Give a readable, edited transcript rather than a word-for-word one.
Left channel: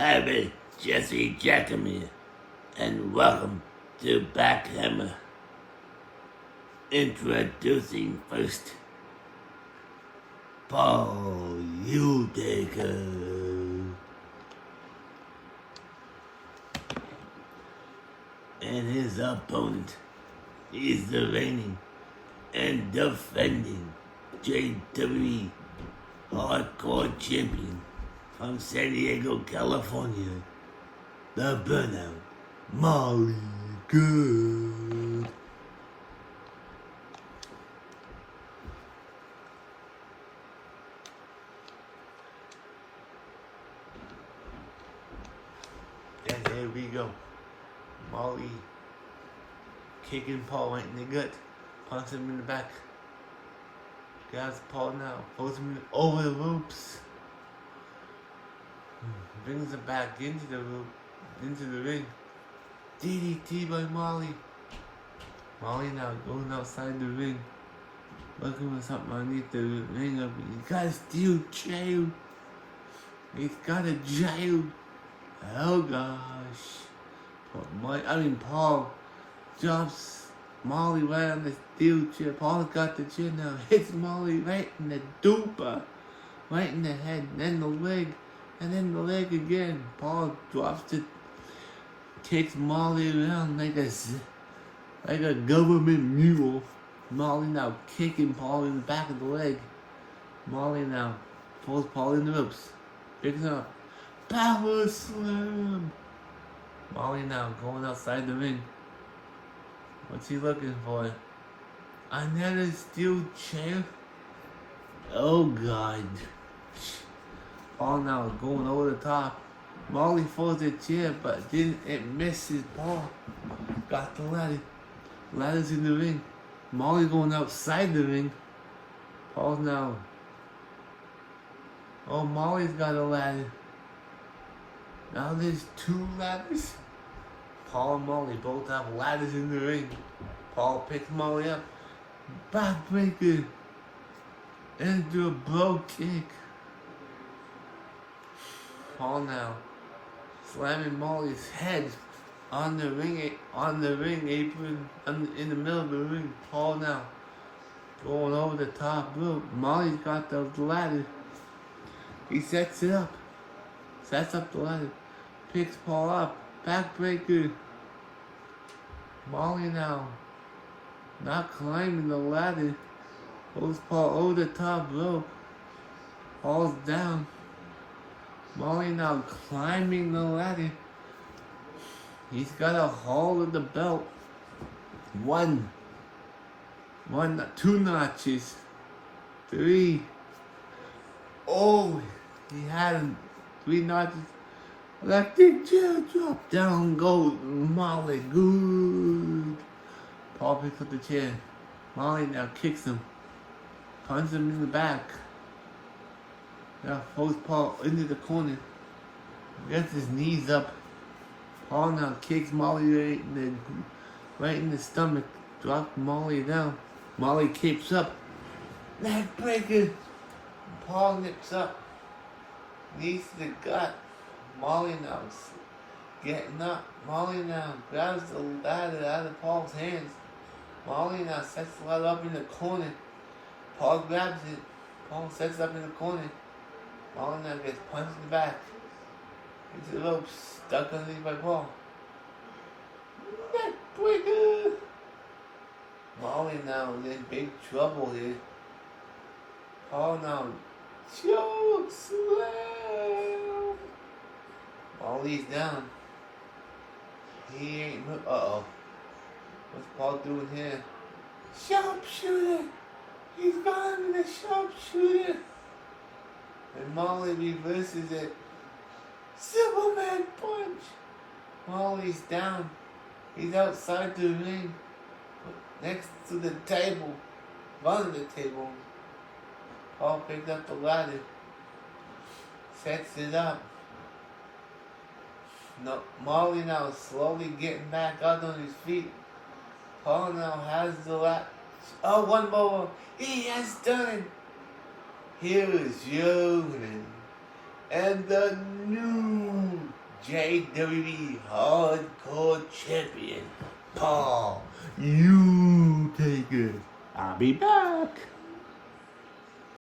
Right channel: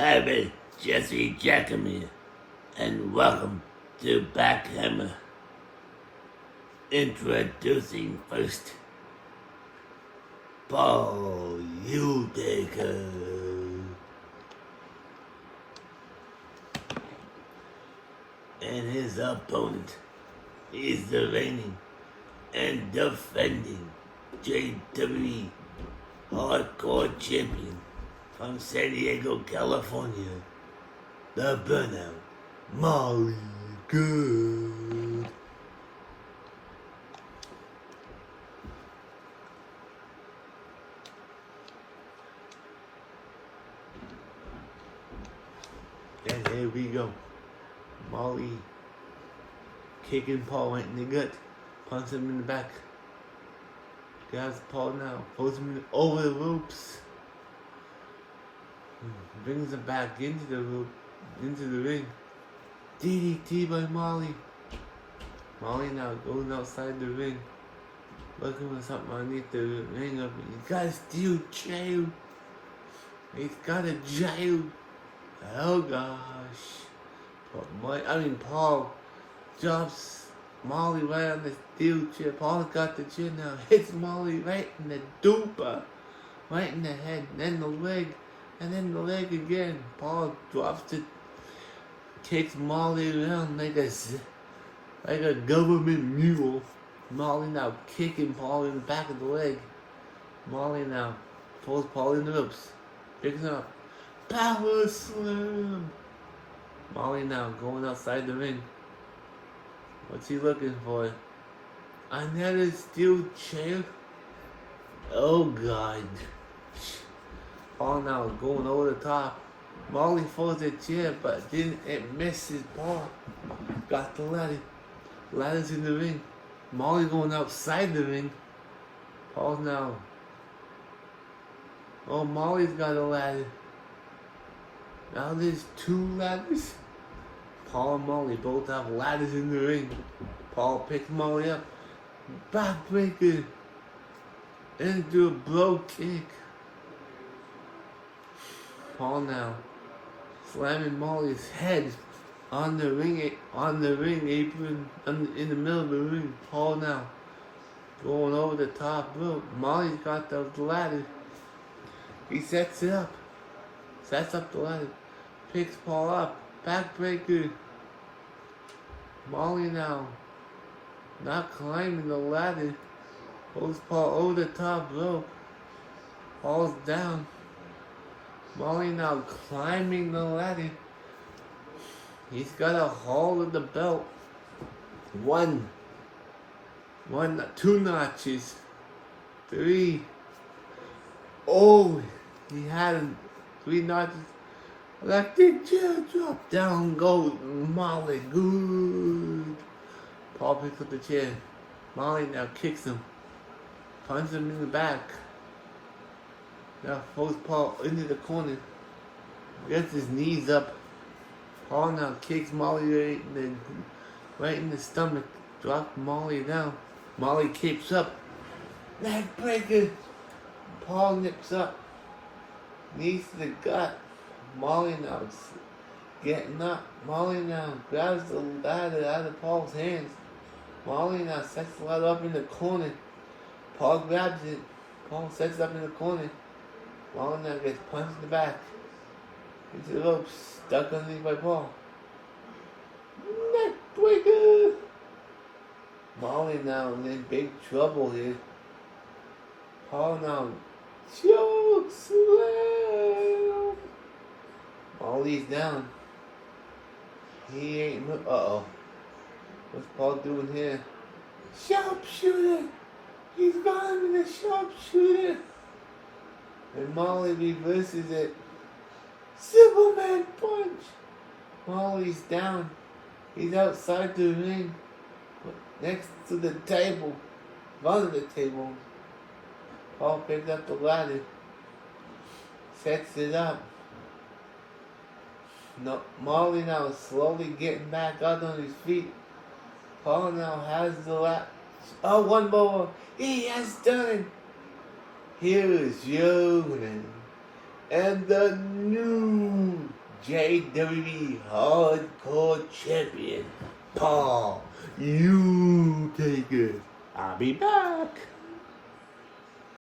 Hi, everybody. Jesse Jackhammer, and welcome to BackHammer. Introducing first, Paul Udaker, and his opponent is the reigning and defending JWE Hardcore Champion from San Diego, California, the Burnout Molly Good. And here we go. Molly kicking Paul right in the gut, punches him in the back. Grabs Paul now, pulls him over the ropes. Brings him back into the rope, into the ring. DDT by Molly. Molly now goes outside the ring, looking for something underneath the ring up. He's got a steel chair. He's got a jail. Oh gosh. Paul drops Molly right on the steel chair. Paul's got the chair now. Hits Molly right in the duper. Right in the head, then the leg. And then the leg again. Paul drops it, kicks Molly around like a government mule. Molly now kicking Paul in the back of the leg. Molly now pulls Paul in the ropes, picking up, power slam. Molly now going outside the ring. What's he looking for? Another steel chair? Oh God. Paul now going over the top. Molly folds the chair, but it misses Paul. Got the ladder. Ladder's in the ring. Molly going outside the ring. Paul's now. Oh, Molly's got a ladder. Now there's two ladders. Paul and Molly both have ladders in the ring. Paul picks Molly up. Backbreaker. Into a blow kick. Paul now slamming Molly's head on the ring apron in the middle of the ring. Paul now going over the top rope. Molly's got the ladder. He sets it up. Sets up the ladder. Picks Paul up. Backbreaker. Molly now not climbing the ladder. Pulls Paul over the top rope. Paul's down. Molly now climbing the ladder. He's got a hold of the belt. Two notches. Three. Oh, he had him. 3 notches. Electric chair drop. Down goes Molly Good. Paul picks up the chair. Molly now kicks him. Punches him in the back. Now throws Paul into the corner. Gets his knees up. Paul now kicks Molly right in the stomach. Drops Molly down. Molly kicks up. Neck breaker. Paul nips up. Knees to the gut. Molly now getting up. Molly now grabs the ladder out of Paul's hands. Molly now sets the ladder up in the corner. Paul grabs it. Paul sets it up in the corner. Molly now gets punched in the back. Into the rope, stuck underneath by Paul. Neck breaker! Molly now in big trouble here. Paul now choke slam. Molly's down. He ain't. Uh-oh. What's Paul doing here? Sharpshooter! He's running the sharpshooter! And Molly reverses it. Superman punch! Molly's down. He's outside the ring. Next to the table. In front of the table. Paul picks up the ladder. Sets it up. No, Molly now slowly getting back up on his feet. Paul now has the ladder. Oh, one more. He has done it. Here is you and the new JWE Hardcore Champion, Paul. You take it. I'll be back.